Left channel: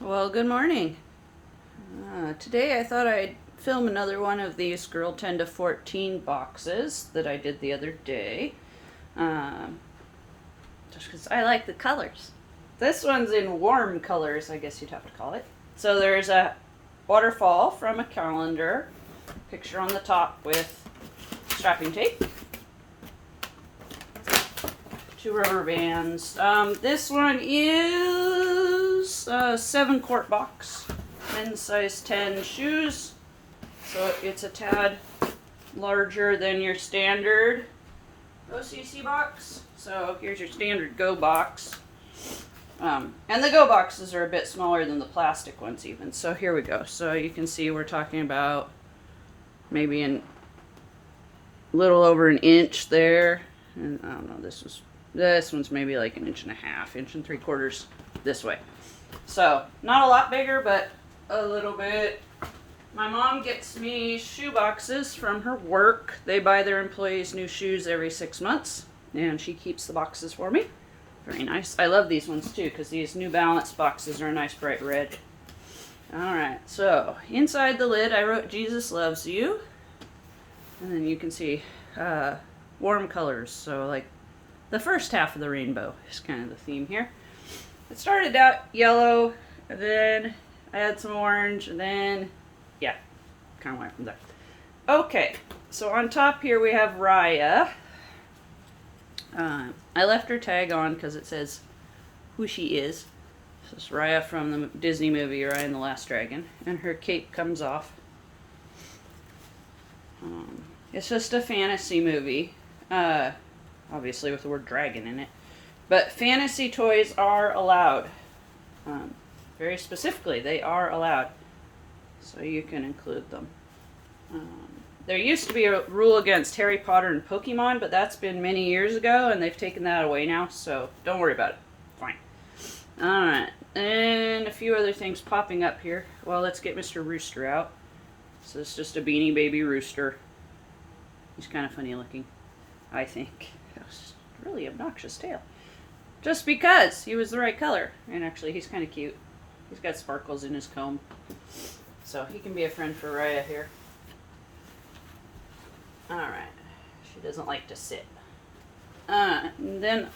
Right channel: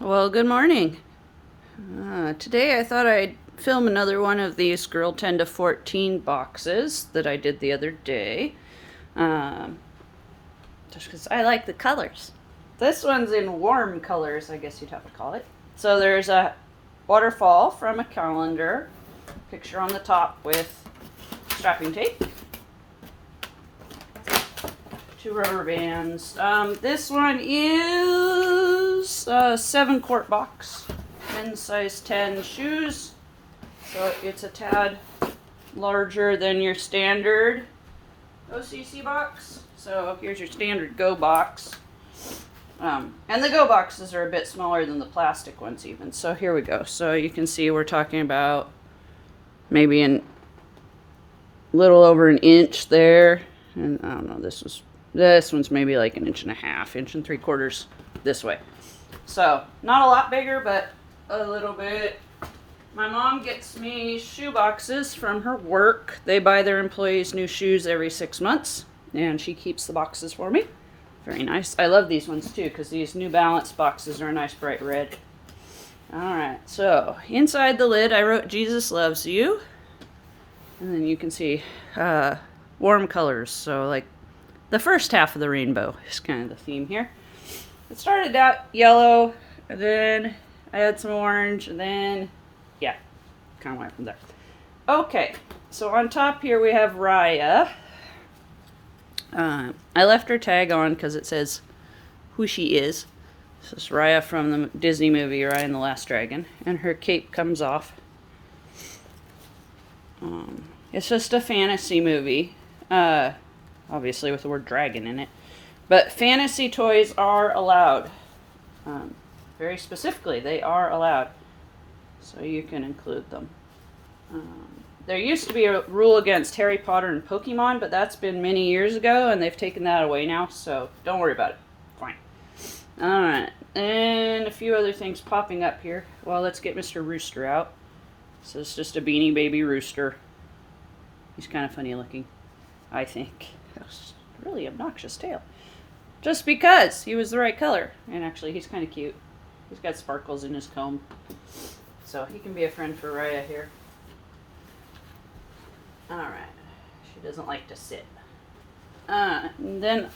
Well, good morning. Today I thought I'd film another one of these Girl 10 to 14 boxes that I did the other day. Um, just because I like the colors. This one's in warm colors, I guess you'd have to call it. So there's a waterfall from a calendar, picture on the top with strapping tape, two rubber bands. This one is a 7-quart box, men's size 10 shoes. So it's a tad larger than your standard OCC box. So here's your standard Go box. And the Go boxes are a bit smaller than the plastic ones even. So here we go. So you can see we're talking about maybe a little over an inch there. And I don't know, this one's maybe like an inch and a half, inch and 3/4 this way. So not a lot bigger, but a little bit. My mom gets me shoe boxes from her work. They buy their employees new shoes every 6 months, and she keeps the boxes for me. Very nice. I love these ones too, because these New Balance boxes are a nice bright red. Alright, so inside the lid I wrote Jesus loves you. And then you can see warm colors, so like the first half of the rainbow is kind of the theme here. It started out yellow, and then I had some orange, and then, yeah, kind of went from there. Okay, so on top here we have Raya. I left her tag on because it says who she is. This is Raya from the Disney movie Raya and the Last Dragon, and her cape comes off. It's just a fantasy movie, obviously with the word dragon in it. But fantasy toys are allowed. Very specifically, they are allowed. So you can include them. There used to be a rule against Harry Potter and Pokemon, but that's been many years ago, and they've taken that away now, so don't worry about it. Fine. Alright, and a few other things popping up here. Well, let's get Mr. Rooster out. So it's just a Beanie Baby Rooster. He's kind of funny looking, I think. That's a really obnoxious tail. Just because he was the right color. And actually, he's kind of cute. He's got sparkles in his comb. So he can be a friend for Raya here. Alright. She doesn't like to sit. And then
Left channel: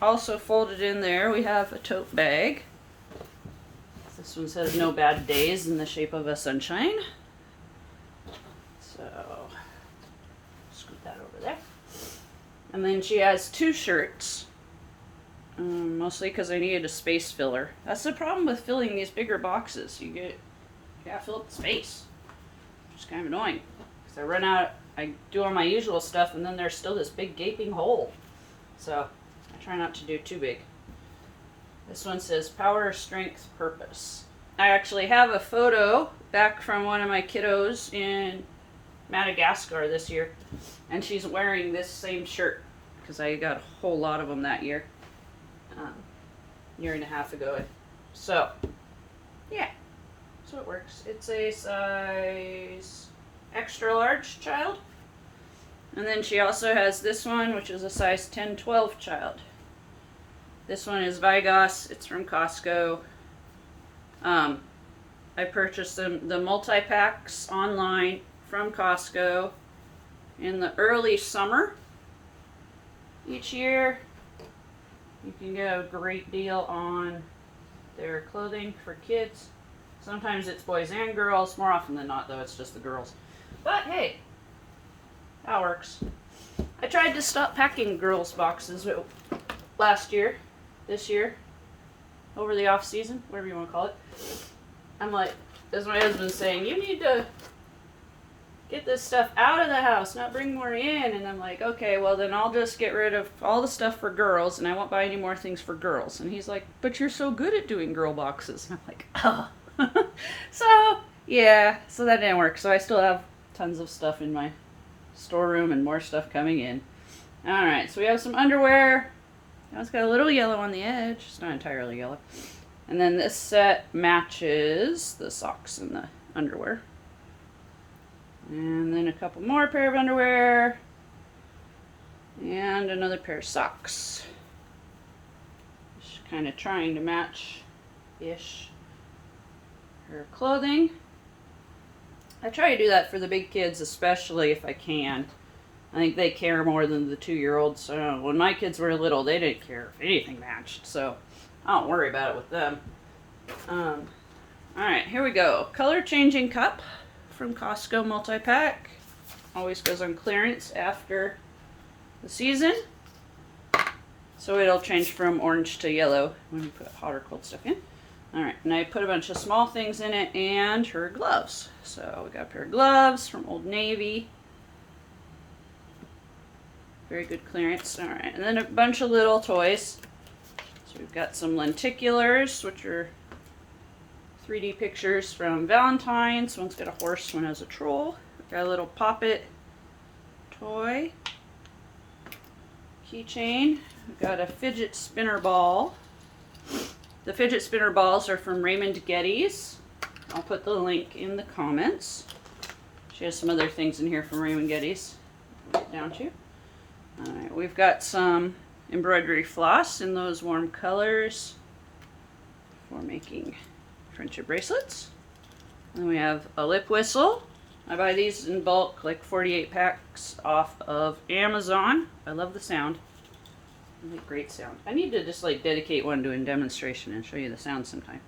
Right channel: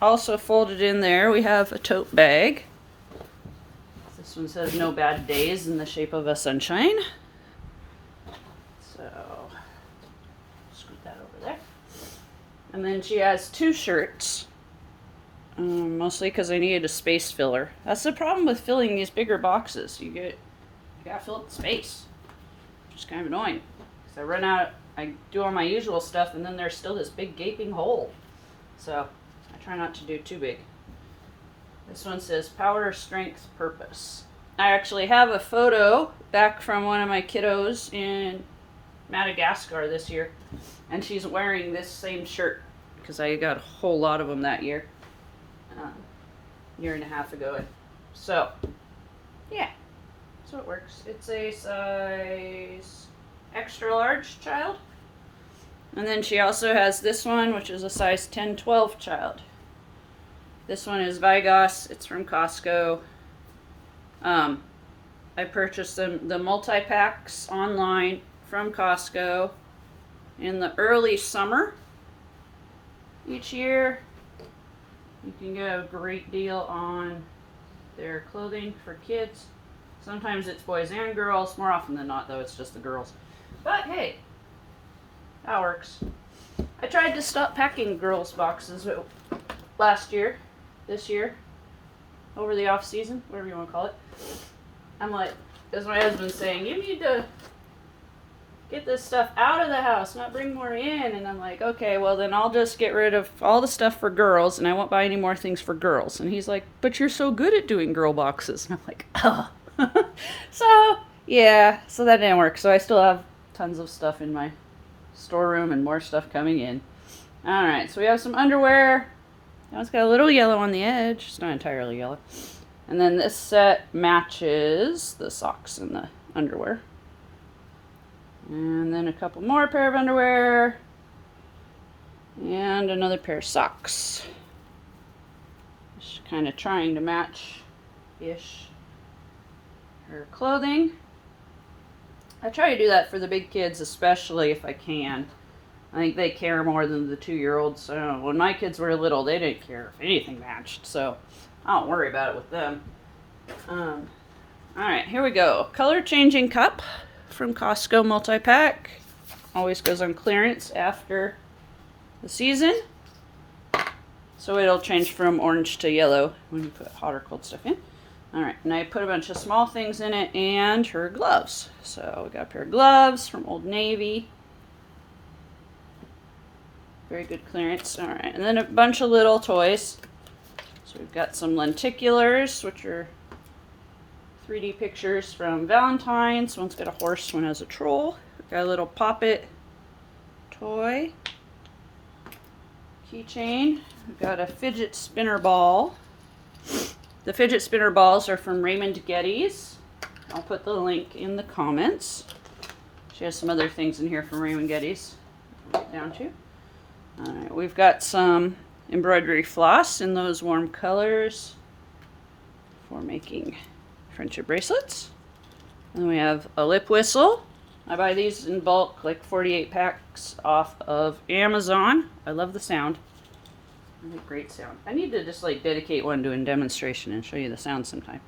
also folded in there, we have a tote bag. This one says no bad days in the shape of a sunshine. So, scoot that over there. And then she has 2 shirts. Mostly because I needed a space filler. That's the problem with filling these bigger boxes. You gotta fill up the space. Which is kind of annoying. Because I run out, I do all my usual stuff, and then there's still this big gaping hole. So, I try not to do too big. This one says power, strength, purpose. I actually have a photo back from one of my kiddos in Madagascar this year. And she's wearing this same shirt. Because I got a whole lot of them that year. Year and a half ago. So, yeah. So it works. It's a size extra large child. And then she also has this one, which is a size 10-12 child. This one is Vigos. It's from Costco. I purchased the multi-packs online from Costco in the early summer each year. You can get a great deal on their clothing for kids. Sometimes it's boys and girls. More often than not, though, it's just the girls. But hey, that works. I tried to stop packing girls' boxes last year, this year, over the off season, whatever you want to call it. I'm like, as my husband's saying, you need to get this stuff out of the house, not bring more in. And I'm like, okay, well then I'll just get rid of all the stuff for girls and I won't buy any more things for girls. And he's like, but you're so good at doing girl boxes. And I'm like, oh. So, yeah, so that didn't work. So I still have tons of stuff in my storeroom and more stuff coming in. Alright, so we have some underwear. Now it's got a little yellow on the edge. It's not entirely yellow. And then this set matches the socks and the underwear. And then a couple more pair of underwear. And another pair of socks. Just kind of trying to match-ish. Their clothing. I try to do that for the big kids, especially if I can. I think they care more than the 2-year-olds. So when my kids were little, they didn't care if anything matched. So I don't worry about it with them. Alright, here we go. Color changing cup from Costco multi-pack. Always goes on clearance after the season. So it'll change from orange to yellow when you put hot or cold stuff in. Alright, and I put a bunch of small things in it and her gloves. So we got a pair of gloves from Old Navy. Very good clearance. Alright, and then a bunch of little toys. So we've got some lenticulars, which are 3D pictures from Valentine's. One's got a horse, one has a troll. We've got a little Pop-It toy. Keychain. We've got a fidget spinner ball. The fidget spinner balls are from Raymond Getty's. I'll put the link in the comments. She has some other things in here from Raymond Getty's. We'll get down to. Alright, we've got some embroidery floss in those warm colors for making friendship bracelets. And we have a lip whistle. I buy these in bulk, like 48 packs off of Amazon. I love the sound. Really great sound. I need to just like dedicate one to a demonstration and show you the sound sometime.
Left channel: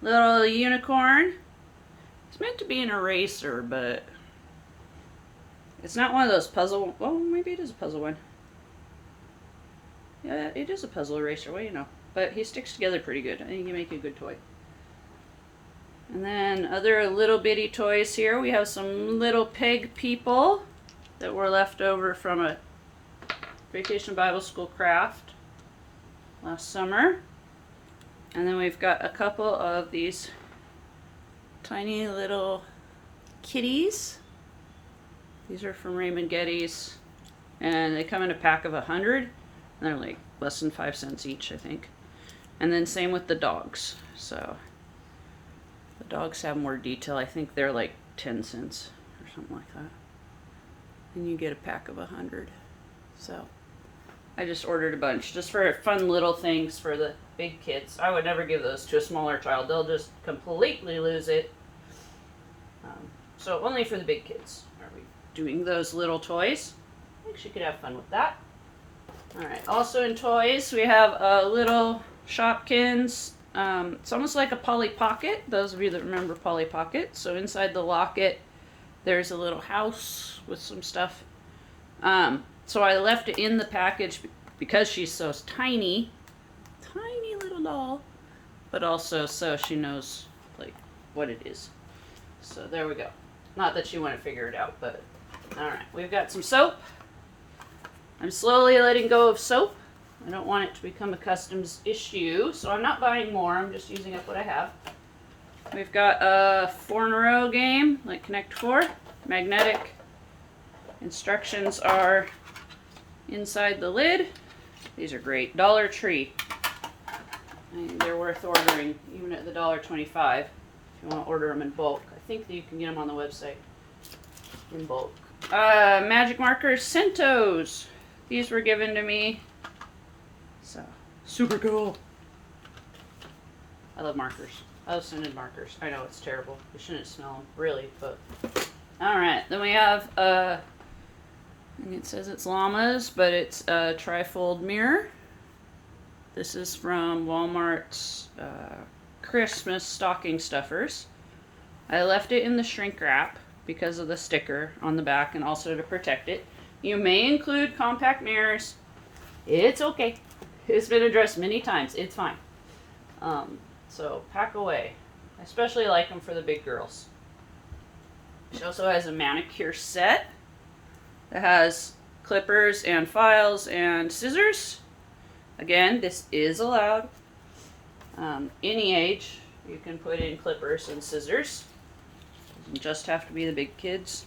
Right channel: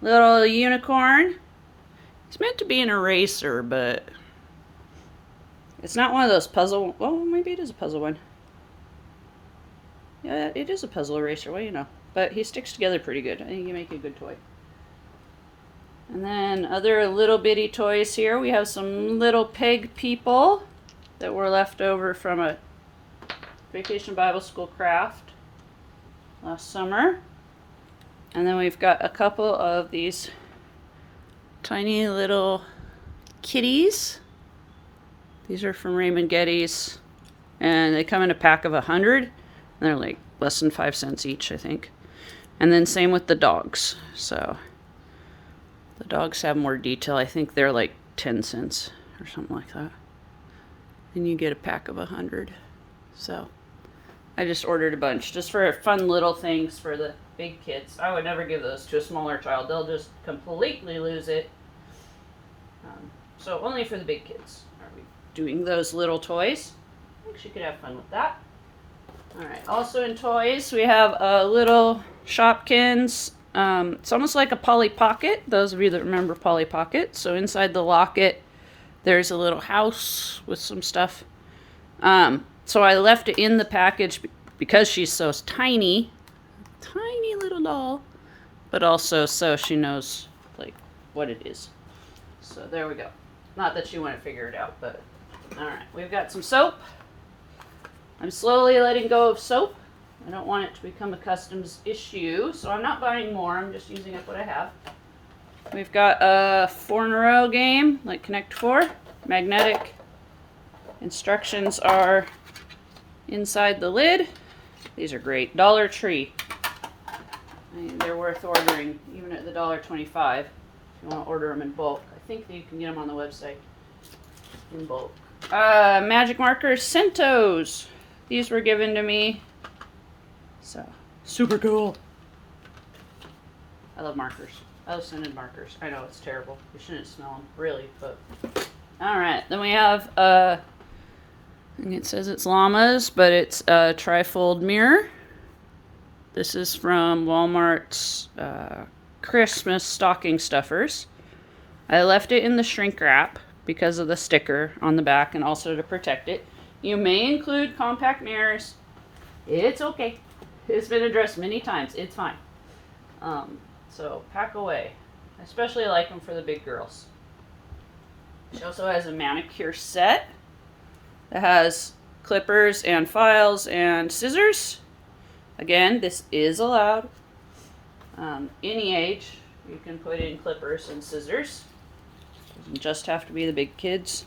Little unicorn. It's meant to be an eraser, but it's not one of those puzzle. Oh, maybe it is a puzzle one. Yeah, it is a puzzle eraser. Well, you know. But he sticks together pretty good. I think he make a good toy. And then other little bitty toys here. We have some little pig people that were left over from a Vacation Bible School craft last summer. And then we've got a couple of these tiny little kitties. These are from Raymond Getty's, and they come in a pack of 100. And they're like less than 5 cents each, I think. And then same with the dogs. So the dogs have more detail. I think they're like 10 cents or something like that. And you get a pack of 100. So I just ordered a bunch just for fun little things for the big kids. I would never give those to a smaller child. They'll just completely lose it. So only for the big kids are we doing those little toys. I think she could have fun with that. Alright, also in toys we have a little Shopkins. It's almost like a Polly Pocket. Those of you that remember Polly Pocket. So inside the locket there's a little house with some stuff. So I left it in the package because she's so tiny little doll, but also so she knows like what it is. So there we go. Not that she wouldn't figure it out, but alright. We've got some soap. I'm slowly letting go of soap. I don't want it to become a customs issue, so I'm not buying more. I'm just using up what I have. We've got a 4-in-a-row game, like Connect 4, magnetic. Instructions are inside the lid. These are great. Dollar Tree. They're worth ordering, even at the $1.25 if you want to order them in bulk. I think that you can get them on the website in bulk. Magic markers, Centos. These were given to me. So, super cool. I love markers. I love scented markers. I know it's terrible. You shouldn't smell them, really, but... Alright, then we have, I think it says it's llamas, but it's a trifold mirror. This is from Walmart's Christmas stocking stuffers. I left it in the shrink wrap because of the sticker on the back and also to protect it. You may include compact mirrors. It's okay. It's been addressed many times. It's fine. So pack away. I especially like them for the big girls. She also has a manicure set that has clippers and files and scissors. Again, this is allowed. Any age, you can put in clippers and scissors. Doesn't just have to be the big kids.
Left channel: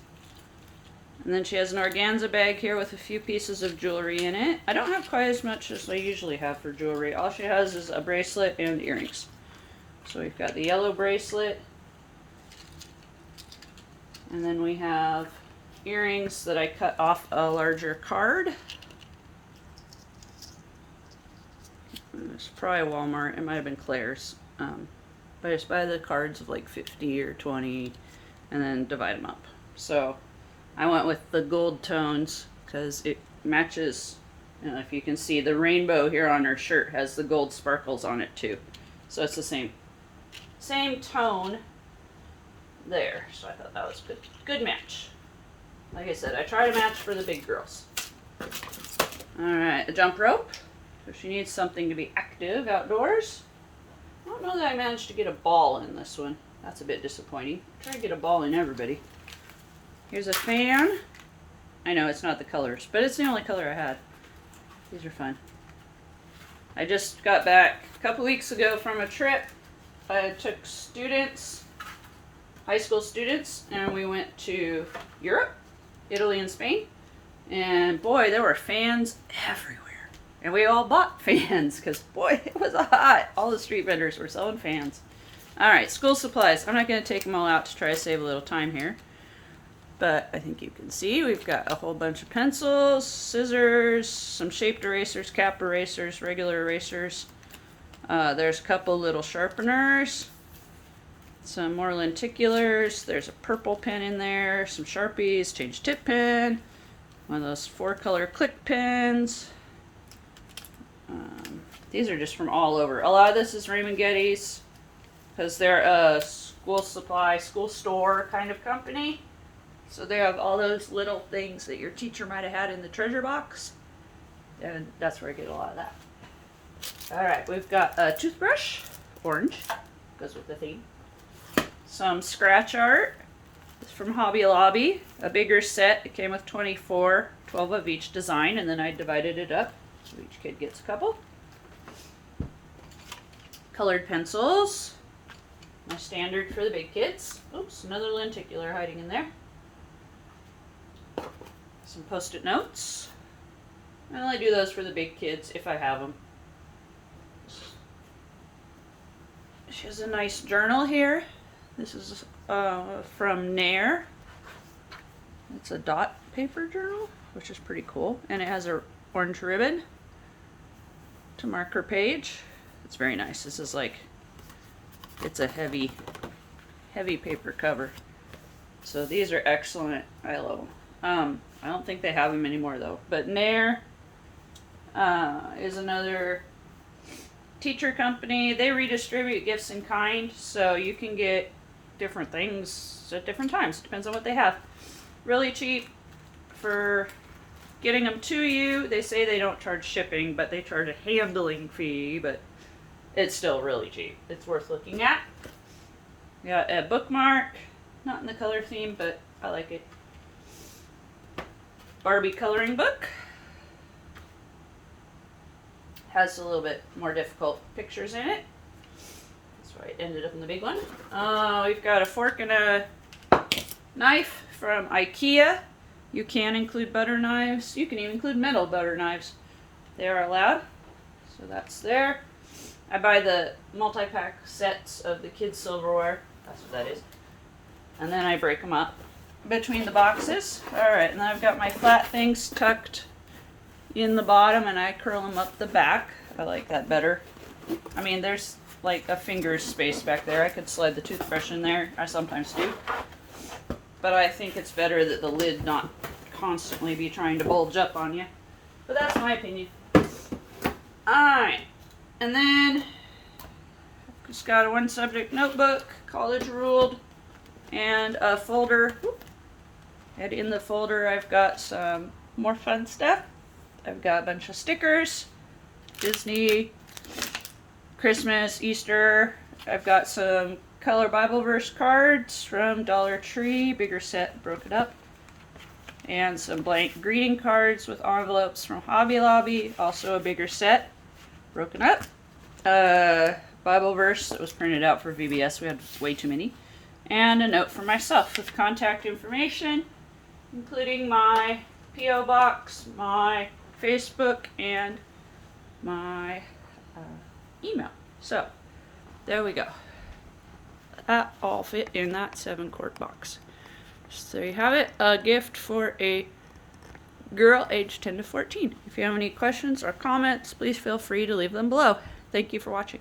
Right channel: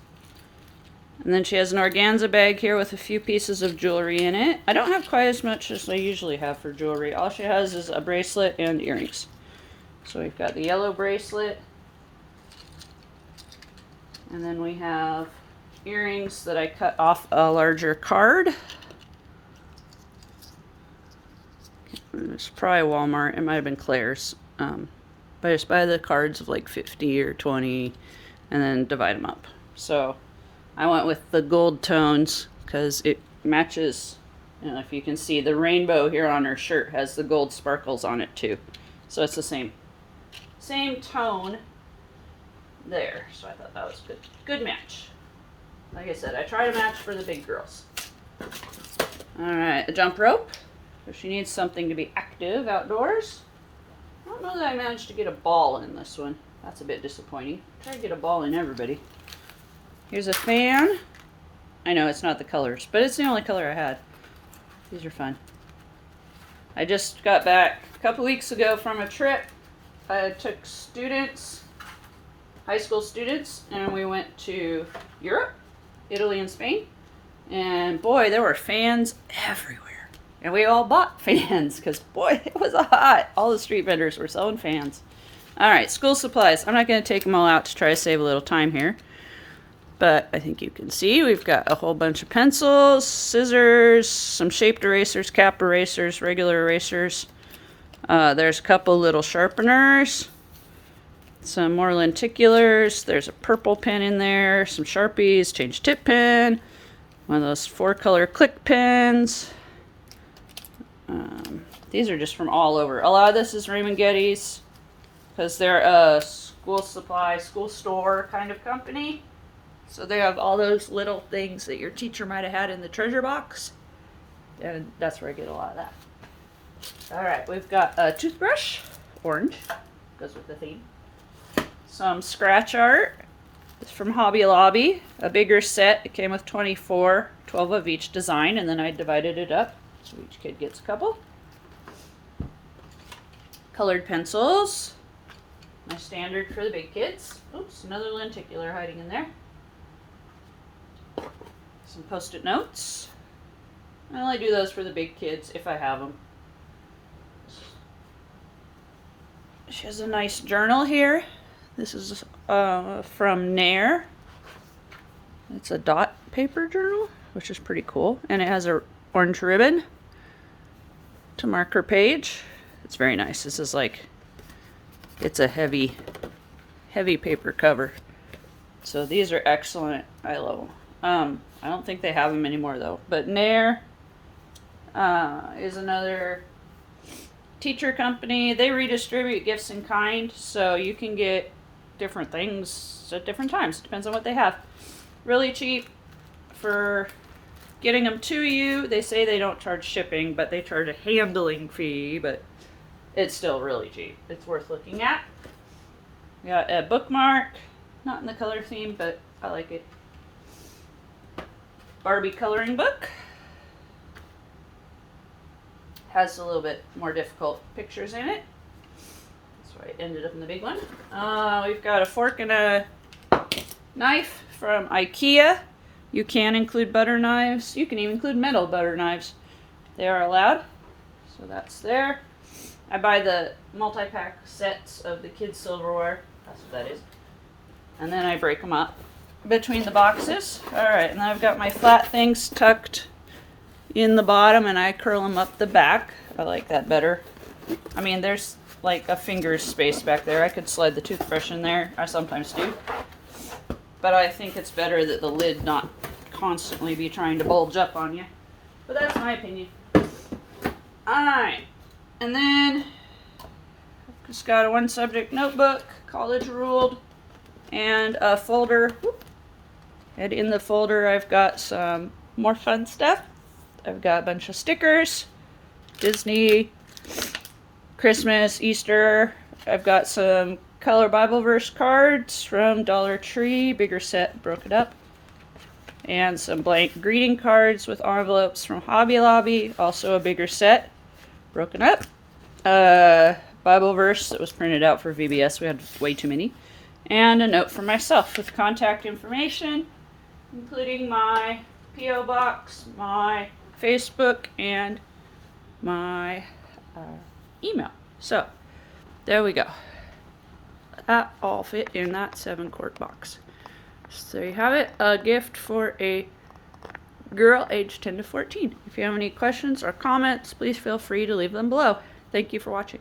And then she has an organza bag here with a few pieces of jewelry in it. I don't have quite as much as I usually have for jewelry. All she has is a bracelet and earrings. So we've got the yellow bracelet. And then we have earrings that I cut off a larger card. It's probably Walmart. It might have been Claire's. But I just buy the cards of like 50 or 20 and then divide them up. So I went with the gold tones because it matches. You know, if you can see, the rainbow here on her shirt has the gold sparkles on it too. So it's the same tone there. So I thought that was good match. Like I said, I try to match for the big girls. Alright, a jump rope. So she needs something to be active outdoors. I don't know that I managed to get a ball in this one. That's a bit disappointing. Try to get a ball in everybody. Here's a fan. I know it's not the colors, but it's the only color I had. These are fun. I just got back a couple weeks ago from a trip. I took students, high school students, and we went to Europe, Italy and Spain. And boy, there were fans everywhere. And we all bought fans because boy, it was hot. All the street vendors were selling fans. All right, school supplies. I'm not going to take them all out to try to save a little time here. But I think you can see we've got a whole bunch of pencils, scissors, some shaped erasers, cap erasers, regular erasers. There's a couple little sharpeners, some more lenticulars. There's a purple pen in there, some Sharpies, change tip pen, one of those 4-color click pens. These are just from all over. A lot of this is Raymond Getty's because they're a school supply, school store kind of company. So they have all those little things that your teacher might have had in the treasure box. And that's where I get a lot of that. Alright, we've got a toothbrush, orange, goes with the theme. Some scratch art. It's from Hobby Lobby. A bigger set. It came with 24, 12 of each design, and then I divided it up. So each kid gets a couple. Colored pencils. My standard for the big kids. Oops, another lenticular hiding in there. Some post-it notes. I only do those for the big kids if I have them. She has a nice journal here. This is from NAIR. It's a dot paper journal, which is pretty cool. And it has an orange ribbon to mark her page. It's very nice. This is like, it's a heavy paper cover. So these are excellent. I love them. I don't think they have them anymore though. But NAIR is another teacher company. They redistribute gifts in kind, so you can get different things at different times. It depends on what they have. Really cheap for getting them to you. They say they don't charge shipping, but they charge a handling fee, but it's still really cheap. It's worth looking at. Got a bookmark, not in the color theme, but I like it. Barbie coloring book. Has a little bit more difficult pictures in it. That's why it ended up in the big one. We've got a fork and a knife from IKEA. You can include butter knives. You can even include metal butter knives. They are allowed. So that's there. I buy the multi-pack sets of the kids' silverware. That's what that is. And then I break them up between the boxes. Alright, and then I've got my flat things tucked in the bottom and I curl them up the back. I like that better. I mean, there's like a finger's space back there. I could slide the toothbrush in there. I sometimes do. But I think it's better that the lid not constantly be trying to bulge up on you. But that's my opinion. Alright. And then just got a one subject notebook, college ruled, and a folder. And in the folder I've got some more fun stuff. I've got a bunch of stickers, Disney, Christmas, Easter. I've got some color Bible verse cards from Dollar Tree, bigger set, broke it up. And some blank greeting cards with envelopes from Hobby Lobby, also a bigger set, broken up. Bible verse that was printed out for VBS, we had way too many. And a note for myself with contact information, including my P.O. box, my Facebook, and my email. So, there we go. That all fit in that 7-quart box. So there you have it, a gift for a girl aged 10 to 14. If you have any questions or comments, please feel free to leave them below. Thank you for watching.